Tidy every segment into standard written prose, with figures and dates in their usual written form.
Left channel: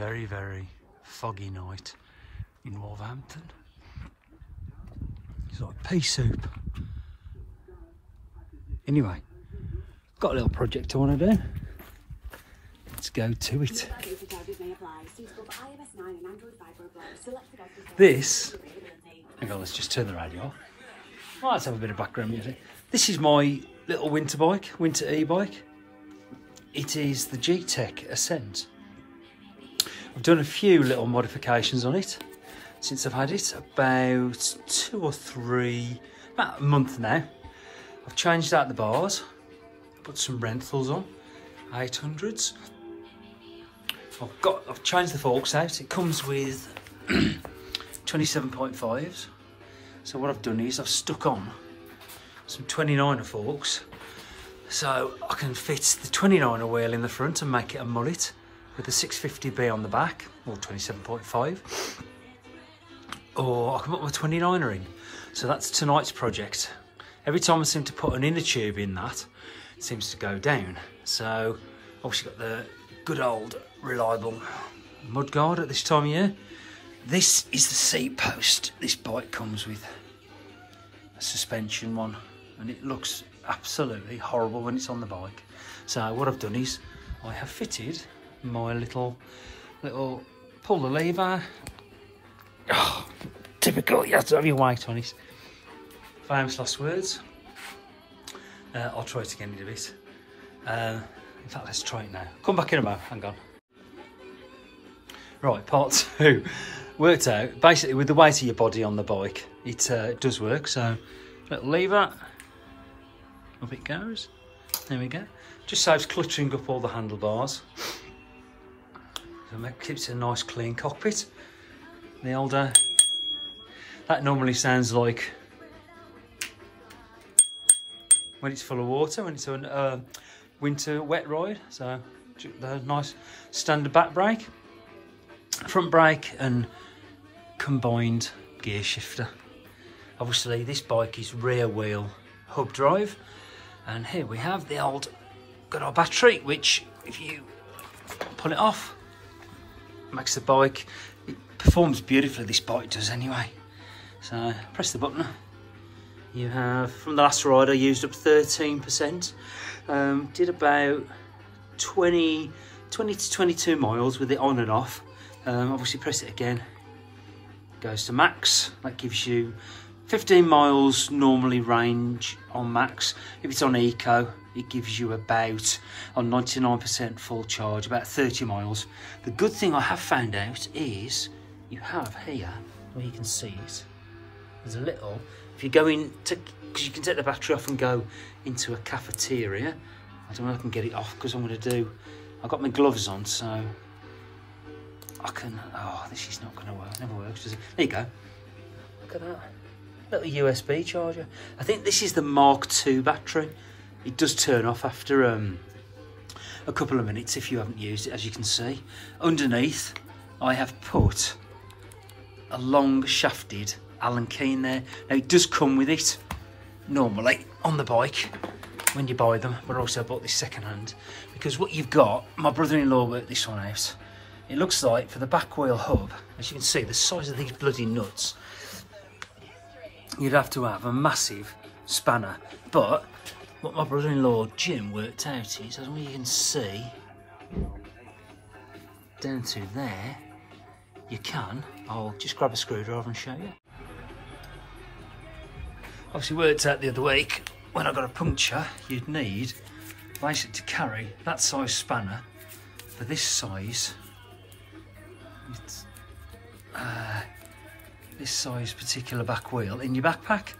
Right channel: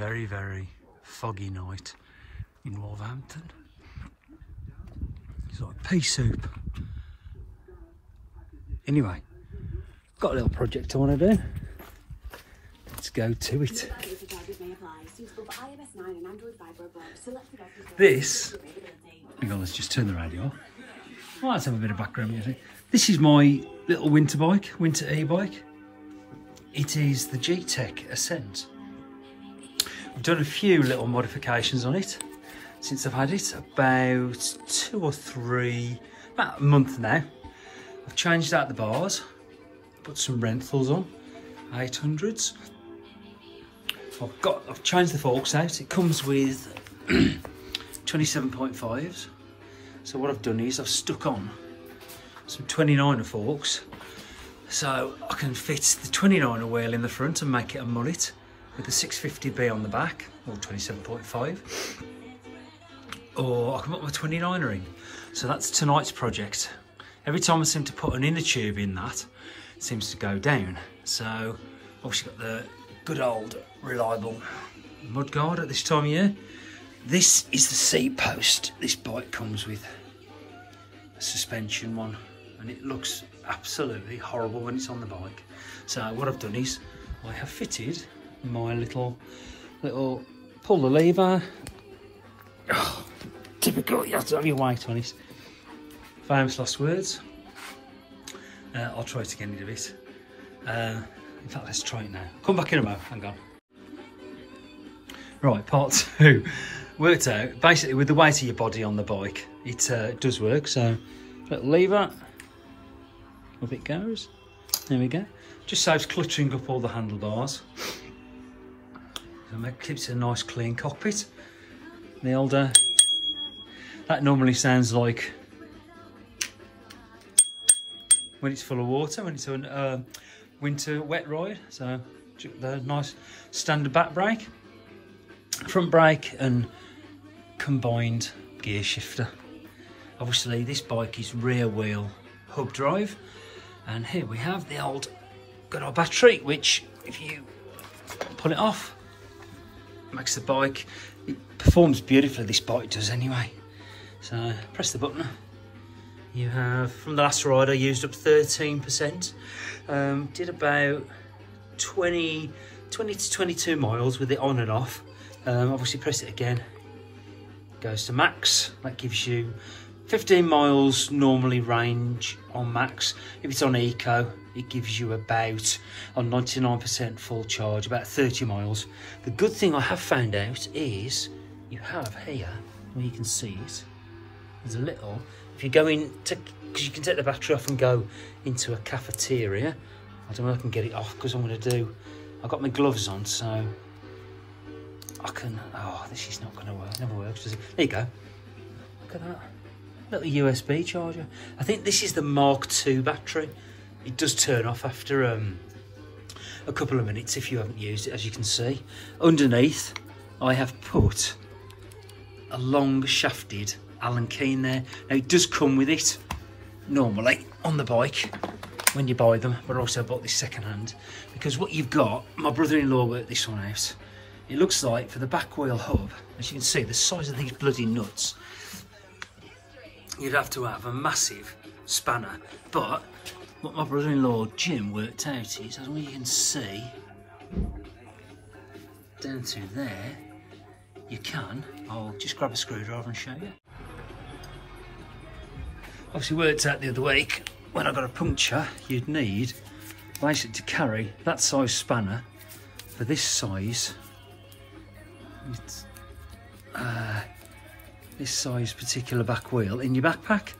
very, very foggy night in Wolverhampton. It's like pea soup. Anyway, got a little project I want to do. Let's go to it. This, hang on, let's just turn the radio off. Well, let's have a bit of background music. This is my little winter bike, winter e-bike. It is the Gtech Escent. I've done a few little modifications on it since I've had it, about about a month now. I've changed out the bars, put some Renthals on, 800s. I've changed the forks out. It comes with 27.5s. So what I've done is I've stuck on some 29er forks, so I can fit the 29er wheel in the front and make it a mullet with the 650B on the back, or 27.5, or I can put my 29er in. So that's tonight's project. Every time I seem to put an inner tube in that, it seems to go down. So obviously got the good old reliable mudguard at this time of year. This is the seat post. This bike comes with a suspension one, and it looks absolutely horrible when it's on the bike. So what I've done is I have fitted my little pull the lever. Oh, typical, you have to have your weight on it. Famous last words. I'll try it again in a bit. In fact, let's try it now. Come back in a moment, hang on. Right, part two. Worked out, basically with the weight of your body on the bike, it does work. So, little lever, up it goes. There we go. Just saves cluttering up all the handlebars. It keeps it a nice clean cockpit. The older, that normally sounds like when it's full of water, when it's a winter wet ride. So the nice standard back brake, front brake and combined gear shifter. Obviously this bike is rear wheel hub drive, and here we have the good old battery, which if you pull it off, makes the bike, it performs beautifully, this bike does anyway. So press the button. You have, from the last ride I used up 13%, did about 20 to 22 miles with it on and off. Obviously press it again, goes to max. That gives you 15 miles normally range on max. If it's on eco, it gives you about, on 99% full charge, about 30 miles. The good thing I have found out is you have here, where you can see it, there's a little, if you go in to, because you can take the battery off and go into a cafeteria. I don't know if I can get it off because I'm going to do, I've got my gloves on, so I can, oh, this is not going to work, never works, does it? There you go. Look at that. Little USB charger. I think this is the Mark II battery. It does turn off after a couple of minutes if you haven't used it, as you can see. Underneath, I have put a long shafted Allen key in there. Now it does come with it normally on the bike when you buy them, but also I bought this second hand because what you've got, my brother-in-law worked this one out. It looks like for the back wheel hub, as you can see, the size of these bloody nuts, you'd have to have a massive spanner. But what my brother-in-law Jim worked out is, as you can see, down to there, you can, I'll just grab a screwdriver and show you. Obviously worked out the other week, when I got a puncture, you'd need basically to carry that size spanner for this size. It's, this size particular back wheel in your backpack.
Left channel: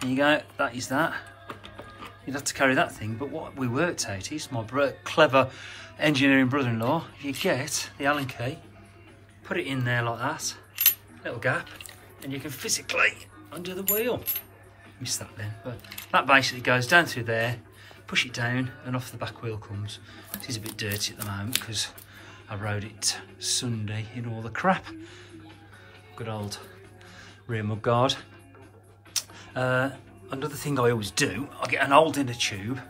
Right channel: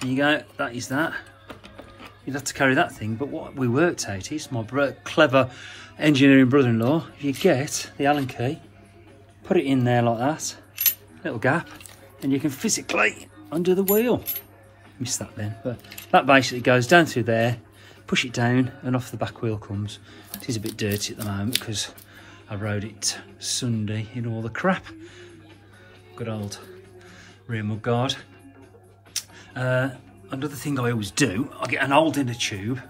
There you go, that is that. You'd have to carry that thing, but what we worked out is, my clever engineering brother-in-law, if you get the Allen key, put it in there like that, little gap, and you can physically undo the wheel. Missed that then, but that basically goes down through there, push it down, and off the back wheel comes. It is a bit dirty at the moment because I rode it Sunday in all the crap. Good old rear mud guard. Another thing I always do, I get an old inner tube.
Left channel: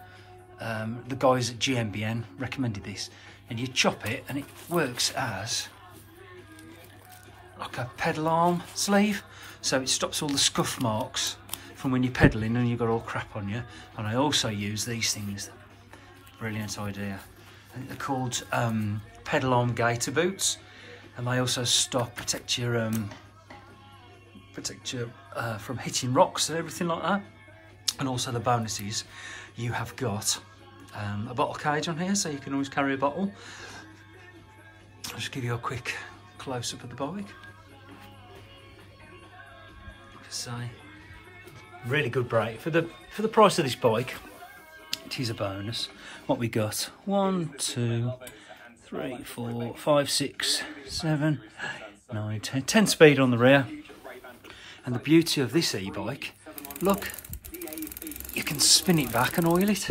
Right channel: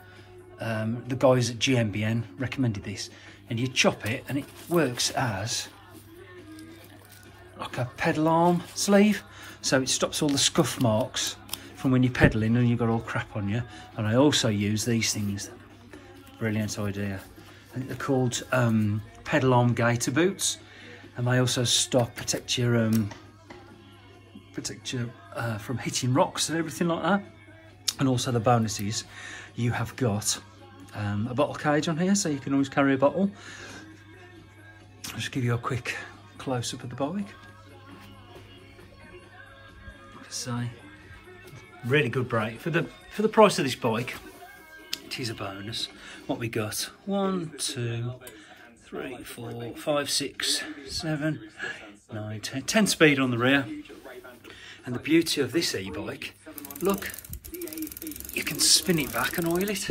The guys at GMBN recommended this, and you chop it and it works as like a pedal arm sleeve, so it stops all the scuff marks from when you're pedaling and you've got all crap on you. And I also use these things. Brilliant idea. I think they're called pedal arm gaiter boots, and they also protect you from hitting rocks and everything like that. And also the bonus is you have got a bottle cage on here, so you can always carry a bottle. I'll just give you a quick close-up of the bike. Like I say, really good brake for the price of this bike. It is a bonus. What we got? 1, 2, 3, 4, 5, 6, 7, 9, 10. 10 speed on the rear. And the beauty of this e-bike, look, you can spin it back and oil it.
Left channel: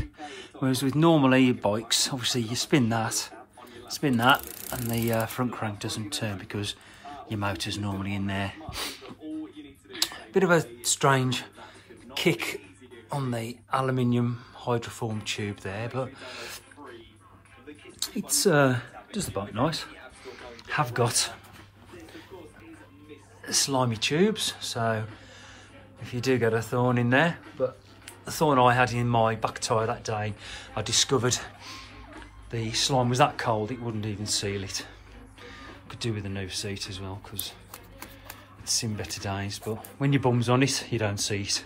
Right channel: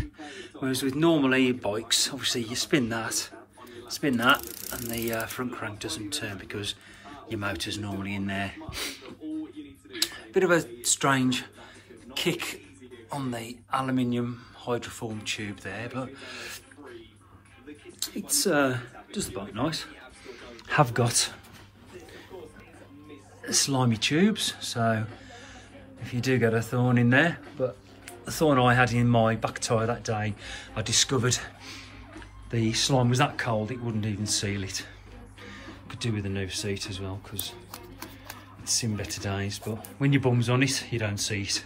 Whereas with normal e-bikes, obviously you spin that, and the front crank doesn't turn because your motor's normally in there. Bit of a strange kick on the aluminium hydroform tube there, but it's just about nice. Have got slimy tubes, so if you do get a thorn in there, but the thorn I had in my back tyre that day, I discovered the slime was that cold it wouldn't even seal it. Could do with a new seat as well, because it's seen better days, but when your bum's on it you don't see it.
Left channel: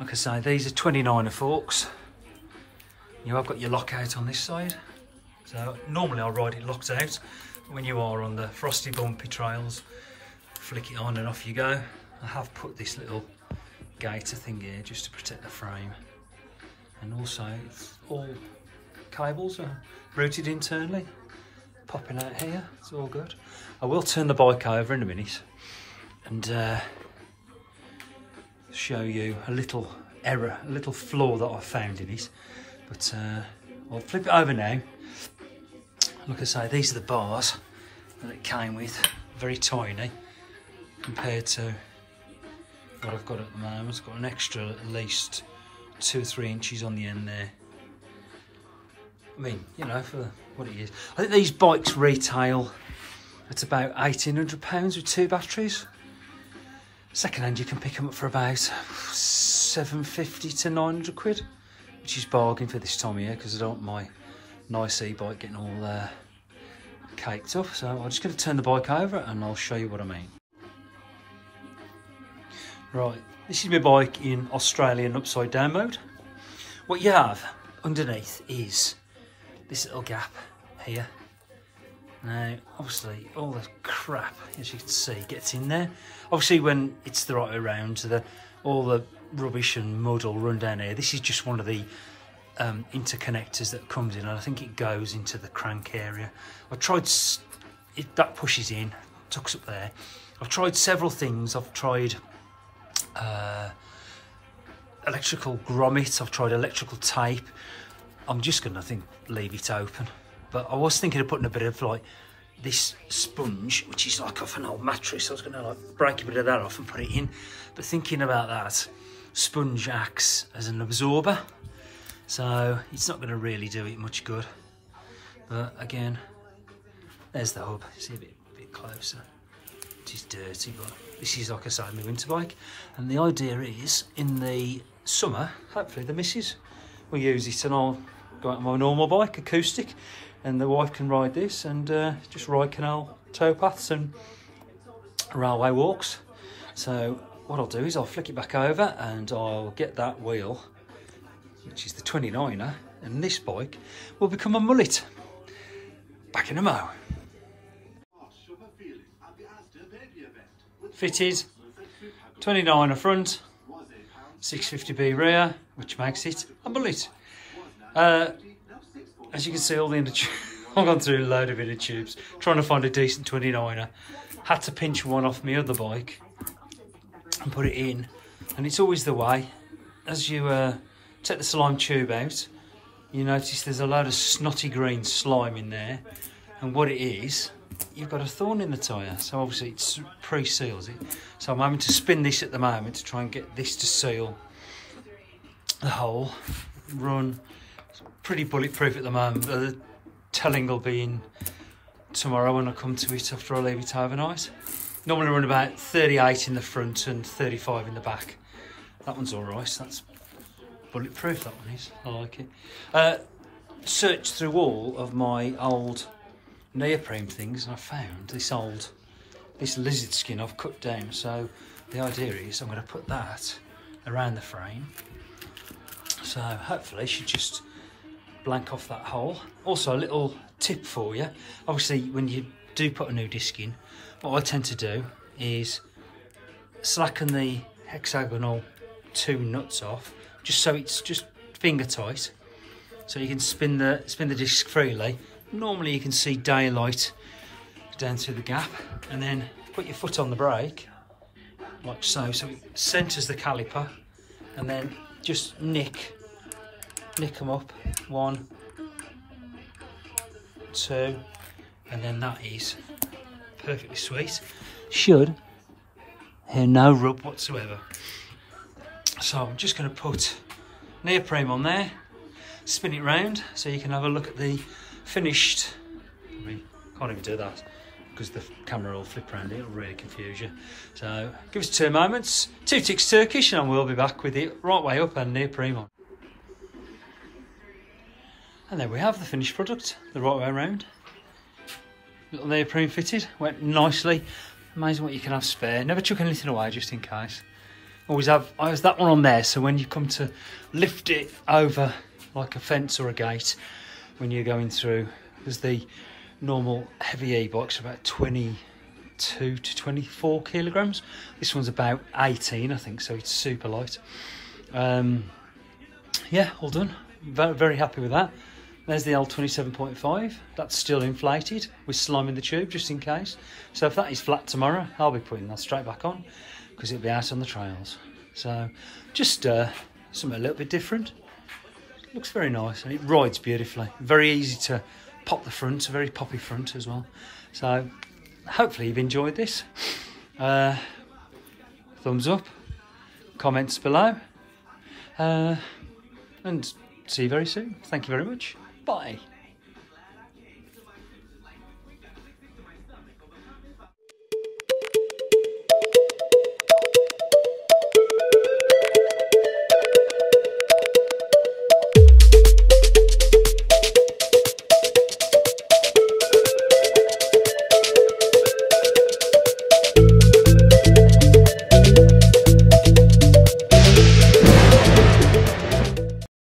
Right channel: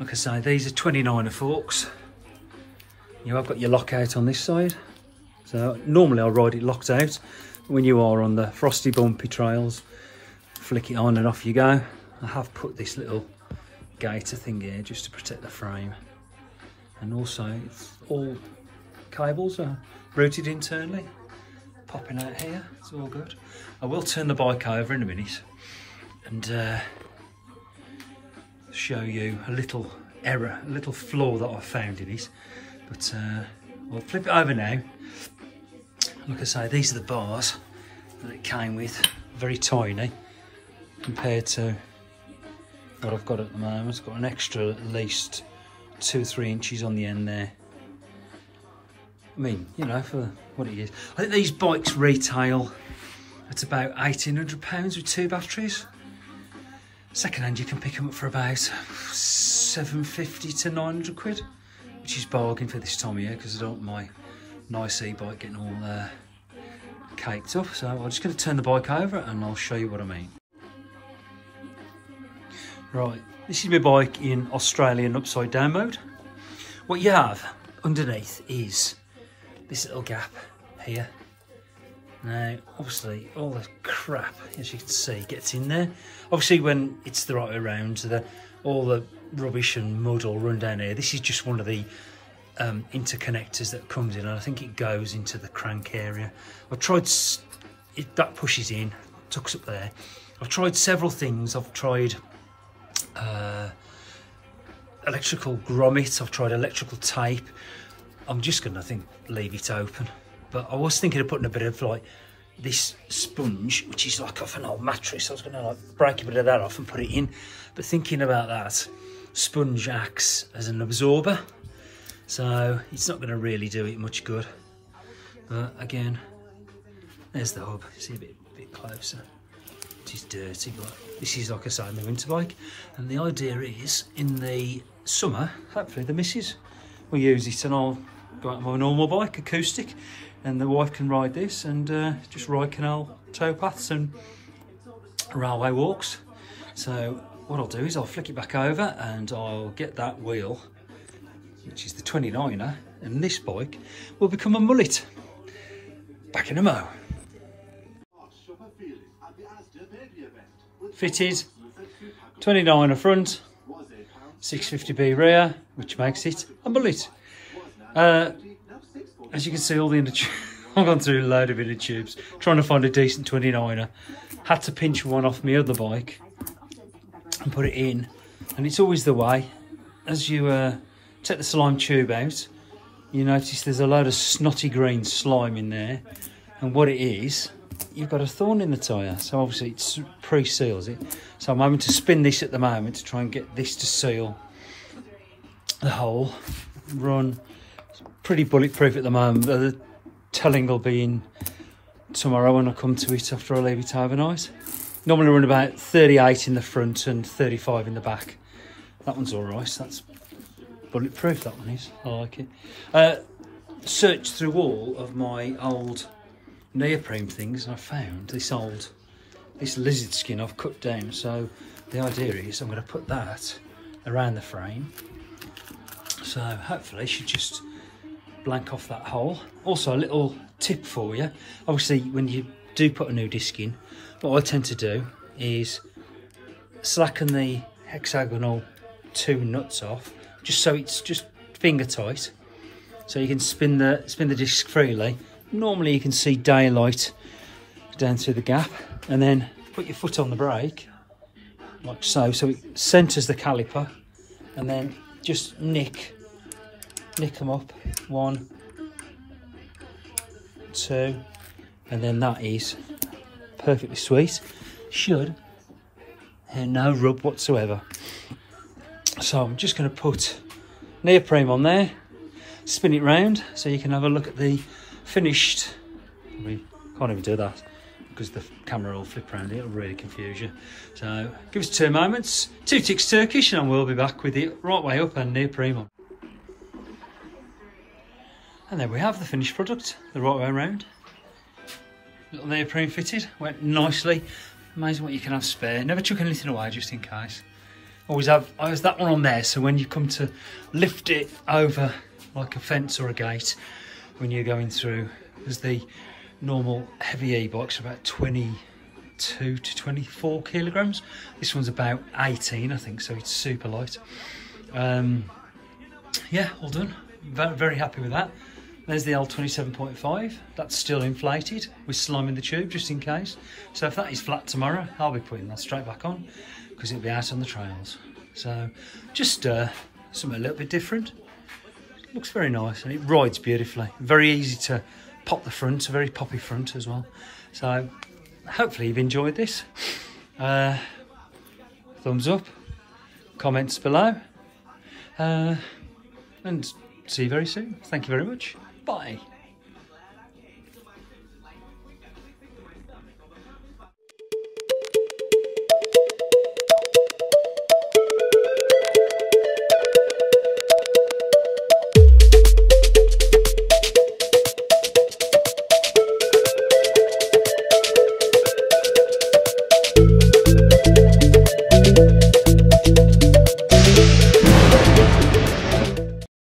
Like I say, these are 29er forks. You have got your lockout on this side, so normally I ride it locked out. When you are on the frosty bumpy trails, flick it on and off you go. I have put this little gaiter thing here just to protect the frame, and also it's all cables are routed internally, popping out here. It's all good. I will turn the bike over in a minute and show you a little error, a little flaw that I found in it, but I'll flip it over now. Like I say, these are the bars that it came with, very tiny compared to what I've got at the moment. It's got an extra at least 2 or 3 inches on the end there. I mean, you know, for what it is. I think these bikes retail at about £1,800 with 2 batteries. Second hand, you can pick them up for about £750 to £900, which is bargain for this time of year, because I don't want my nice e-bike getting all caked up. So I'm just going to turn the bike over and I'll show you what I mean. Right, this is my bike in Australian upside down mode. What you have underneath is this little gap here. Now, obviously, all the crap, as you can see, gets in there. Obviously, when it's the right way around, all the rubbish and mud will run down here. This is just one of the interconnectors that comes in, and I think it goes into the crank area. I tried, that pushes in, tucks up there. I've tried several things. I've tried electrical grommet, I've tried electrical tape. I'm just gonna, I think, leave it open. But I was thinking of putting a bit of like this sponge, which is like off an old mattress. I was gonna like break a bit of that off and put it in. But thinking about that, sponge acts as an absorber, so it's not gonna really do it much good. But again, there's the hub. See a bit closer. It is dirty, but this is, like I say, my winter bike. And the idea is, in the summer, hopefully the missus will use it and I'll go out on my normal bike, acoustic, and the wife can ride this and just ride canal towpaths and railway walks. So what I'll do is I'll flick it back over and I'll get that wheel, which is the 29er, and this bike will become a mullet. Back in a mo. Fitted, 29er front, 650B rear, which makes it a mullet. As you can see, all the inner tubes, I've gone through a load of inner tubes trying to find a decent 29er. Had to pinch one off my other bike and put it in, and it's always the way. As you take the slime tube out, you notice there's a load of snotty green slime in there, and what it is, you've got a thorn in the tyre, so obviously it pre-seals it. So I'm having to spin this at the moment to try and get this to seal the hole. Run, it's pretty bulletproof at the moment. The telling will be in tomorrow when I come to it after I leave it overnight. Normally run about 38 in the front and 35 in the back. That one's all right. That's bulletproof, that one is. I like it. Searched through all of my old neoprene things and I found this lizard skin I've cut down. So the idea is I'm going to put that around the frame. So hopefully it should just blank off that hole. Also a little tip for you. Obviously when you do put a new disc in, what I tend to do is slacken the hexagonal 2 nuts off, just so it's just finger tight, so you can spin the disc freely. Normally you can see daylight down through the gap, and then put your foot on the brake like so it centres the caliper, and then just nick them up, 1, 2, and then that is perfectly sweet. Should hear no rub whatsoever. So I'm just going to put neoprene on there, spin it round so you can have a look at the finished. We can't even do that because the camera will flip around, it'll really confuse you. So give us 2 moments, 2 ticks Turkish, and we'll be back with it right way up and neoprene on. And there we have the finished product, the right way around. Little neoprene fitted, went nicely. Amazing what you can have spare. Never chuck anything away just in case. Always have that one on there, so when you come to lift it over like a fence or a gate when you're going through, because the normal heavy e-bikes are about 22 to 24 kilograms. This one's about 18, I think, so it's super light. Yeah, all done. Very, very happy with that. There's the old 27.5. That's still inflated with slime in the tube, just in case. So if that is flat tomorrow, I'll be putting that straight back on because it'll be out on the trails. So just something a little bit different. It looks very nice and it rides beautifully. Very easy to pop the front, a very poppy front as well. So hopefully you've enjoyed this. Thumbs up, comments below, and see you very soon. Thank you very much. Bye.